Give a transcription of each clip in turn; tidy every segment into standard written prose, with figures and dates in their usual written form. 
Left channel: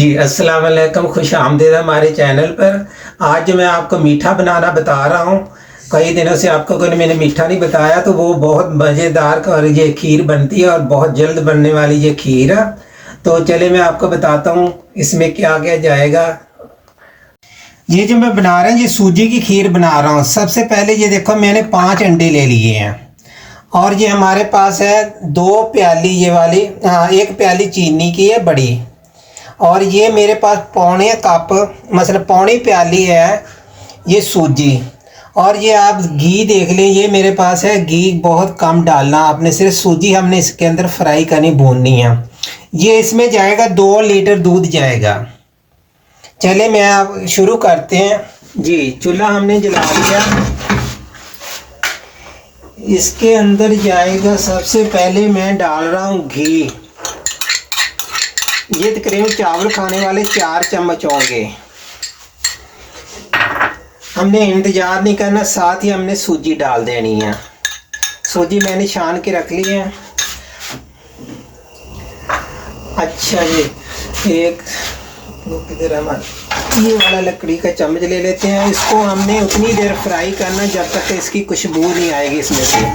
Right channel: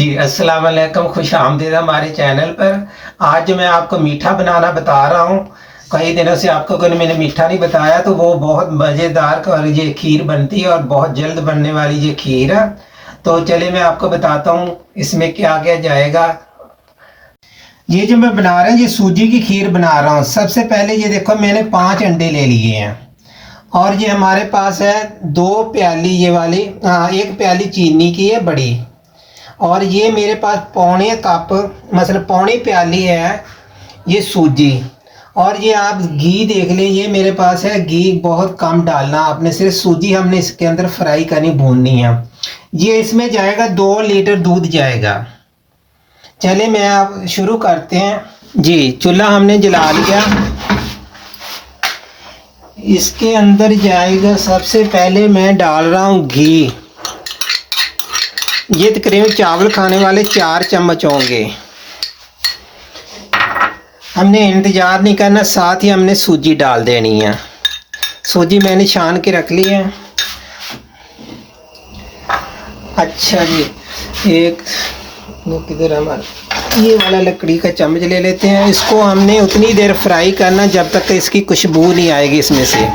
जी अस्सलाम वालेकुम, खुश आमदीद हमारे चैनल पर। आज जो मैं आपको मीठा बनाना बता रहा हूँ, कई दिनों से आपको अगर मैंने मीठा नहीं बताया तो वो बहुत मज़ेदार और ये खीर बनती है और बहुत जल्द बनने वाली ये खीर है। तो चले मैं आपको बताता हूँ इसमें क्या क्या जाएगा। ये जो मैं बना रहा हूँ ये सूजी की खीर बना रहा हूँ। सबसे पहले ये देखो मैंने 5 अंडे ले लिए हैं और ये हमारे पास है 2 प्याली ये वाली, हाँ 1 प्याली चीनी की है बड़ी, और ये मेरे पास पौने कप मतलब पौनी प्याली है ये सूजी। और ये आप घी देख लें, ये मेरे पास है घी, बहुत कम डालना आपने, सिर्फ सूजी हमने इसके अंदर फ्राई करनी भूननी है। ये इसमें जाएगा 2 लीटर दूध जाएगा। चले मैं आप शुरू करते हैं जी। चूल्हा हमने जला लिया, इसके अंदर जाएगा सबसे पहले मैं डाल रहा हूँ घी। ये तकरीबन चावल खाने वाले 4 चम्मच होंगे। हमने इंतज़ार नहीं करना, साथ ही हमने सूजी डाल देनी है। सूजी मैंने छान के रख ली है। अच्छा जी, एक किधर हमारा ये वाला लकड़ी का चम्मच ले लेते हैं। इसको हमने उतनी देर फ्राई करना जब तक इसकी खुशबू नहीं आएगी, इसमें से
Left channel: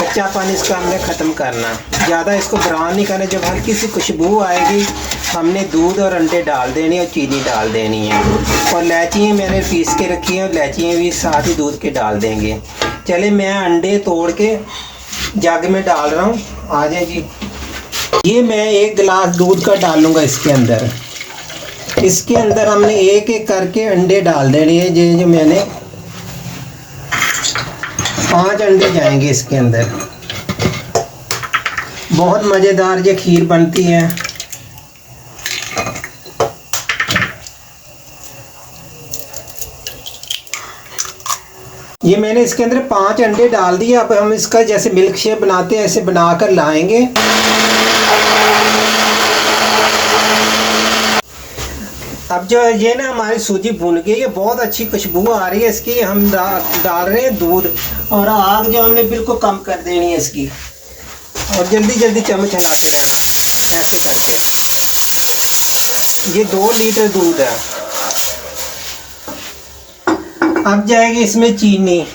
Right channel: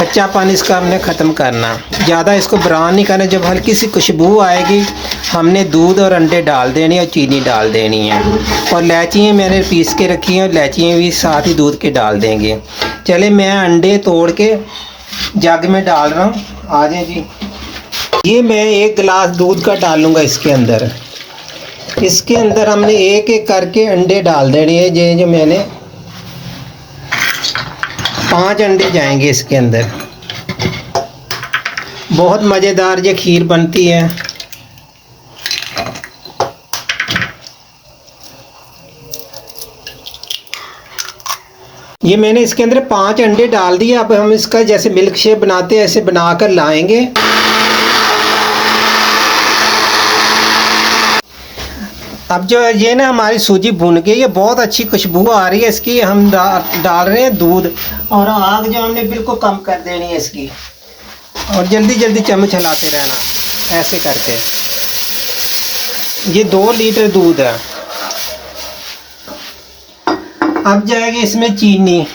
कच्चा पानी इसका हमने ख़त्म करना। ज़्यादा इसको ब्राउन नहीं करना। जब हल्की सी खुशबू आएगी हमने दूध और अंडे डाल देनी और चीनी डाल देनी है। और इलायचियाँ मैंने पीस के रखी हैं, इलायचियाँ भी साथ ही दूध के डाल देंगे। चले मैं अंडे तोड़ के जग में डाल रहा हूँ। आ जाए जी। ये मैं 1 गिलास दूध का डालूँगा इसके अंदर। इसके अंदर हमने एक एक करके अंडे डाल देने हैं। ये जो मैंने 5 अंडे जाएंगे इसके अंदर। बहुत मज़ेदार ये खीर बनती है। ये मैंने इसके अंदर 5 अंडे डाल दिए। अब हम इसका जैसे मिल्क शेक बनाते हैं ऐसे बनाकर लाएंगे। अब जो ये ना हमारी सूजी भून गई, ये बहुत अच्छी खुशबू आ रही है इसकी। हम डाल रहे हैं दूध और आग जो हमने बिल्कुल कम कर देनी है इसकी, और जल्दी जल्दी चम्मच हिलाते रहना ऐसे करके। ये 2 लीटर दूध है। अब जाएगी इसमें चीनी।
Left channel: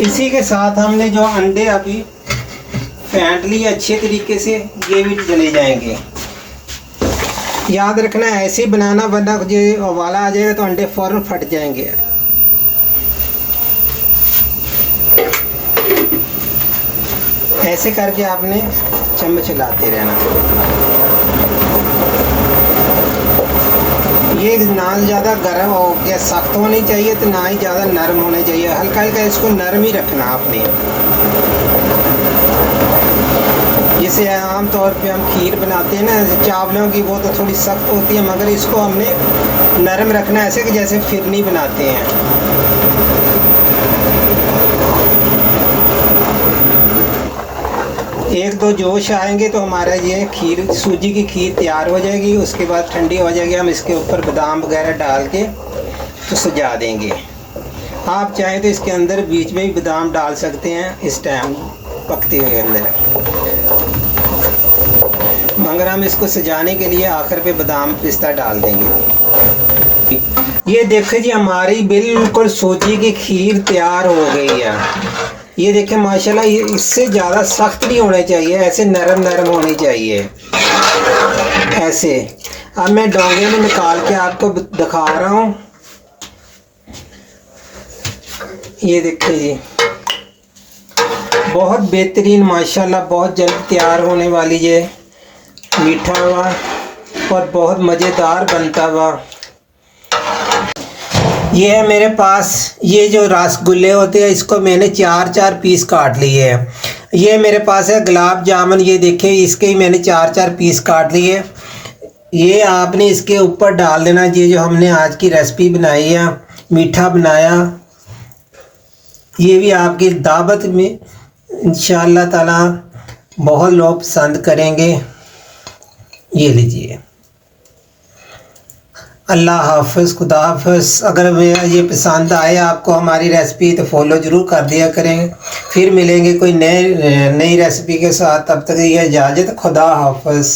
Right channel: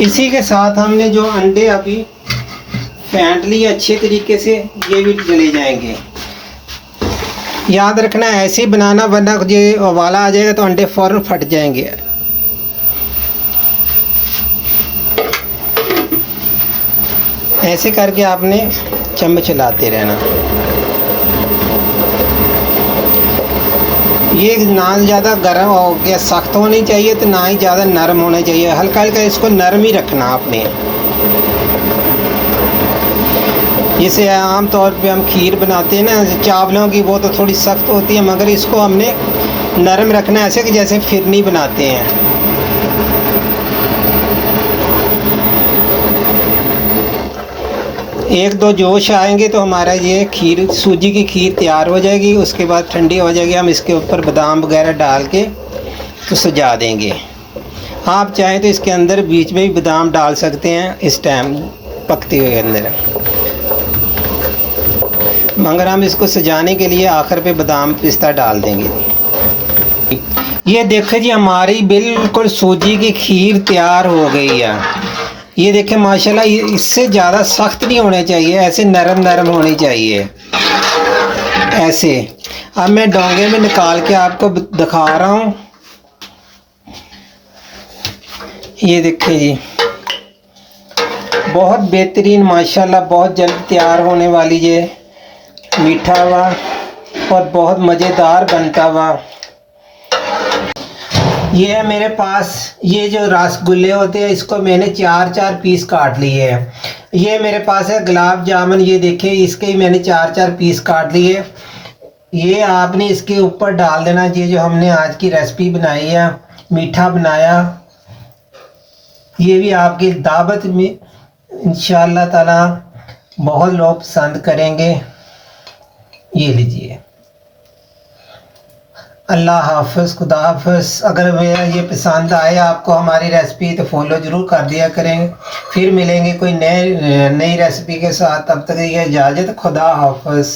इसी के साथ हमने जो अंडे अभी फेंट लिए अच्छे तरीके से, ये भी चले जाएंगे। याद रखना ऐसे ही बनाना, वरना ये उबाला आ जाएगा तो अंडे फ़ौरन फट जाएंगे। ऐसे करके आपने चम्मच हिलाते रहना। ये ना ज़्यादा गर्म हो गया सख्त होनी चाहिए तो ना ही ज़्यादा नरम होना चाहिए। हल्का हल्का इसको नरम ही रखना आपने। जैसे आम तौर पे हम खीर बनाते हैं ना चावलों की, वो तो थोड़ी सख्त होती है, मगर इसको हमने नरम रखना है, ऐसे कि जैसे फिरनी बनाते हैं। एक दो जोश आएंगे तो हमारा ये खीर, सूजी की खीर तैयार हो जाएगी। उसके बाद ठंडी हो जाएगी, हम इसके ऊपर बादाम वगैरह डाल के तो सजा देंगे। आप चाहें तो इसके अंदर बीच में भी बादाम डाल सकते हैं इस टाइम पकते हुए अंदर, मगर हम इसको सजाने के लिए आखिर पे बादाम पिस्ता डाल देंगे। ये देखिए जी, हमारी बिल्कुल सूजी की खीर तैयार हो गई है। ये देखें माशाल्लाह, ये इससे ज़्यादा सख्त नहीं होने चाहिए, ऐसे नरम नरम होने चाहिए ऐसे। अब मैं डोंगे में निकाल के आपको दिखा रहा हूँ। ये देखिए जी, बहुत बेहतरीन माशाल्लाह, बहुत जल्द तैयार होने वाली ये मीठा हुआ और बहुत मज़ेदार बनता हुआ। ये है मेरे पास, ये जो रसगुल्ले होते हैं इसको मैंने 4-4 पीस काट लिए हैं। ये मेरे पास है गुलाब जामुन, ये देखिए इसके ही मैंने 4-4 पीस काट लिए। ये आपने इसके ऊपर डाल देना। ये जो हमने आज की रेसिपी बनाई है, मीठा बनाया, ये भी आपकी दावत में इंशाअल्लाह ताला बहुत लोग पसंद करेंगे। ये लीजिए। अल्लाह हाफ़िज़, खुदा हाफ़िज़। अगर मेरा ये पसंद आए आपको हमारी रेसिपी तो फॉलो ज़रूर कर दिया करें। फिर मिलेंगे कोई नई रेसिपी के साथ, तब तक ये इजाज़त, खुदा हाफ़िज़।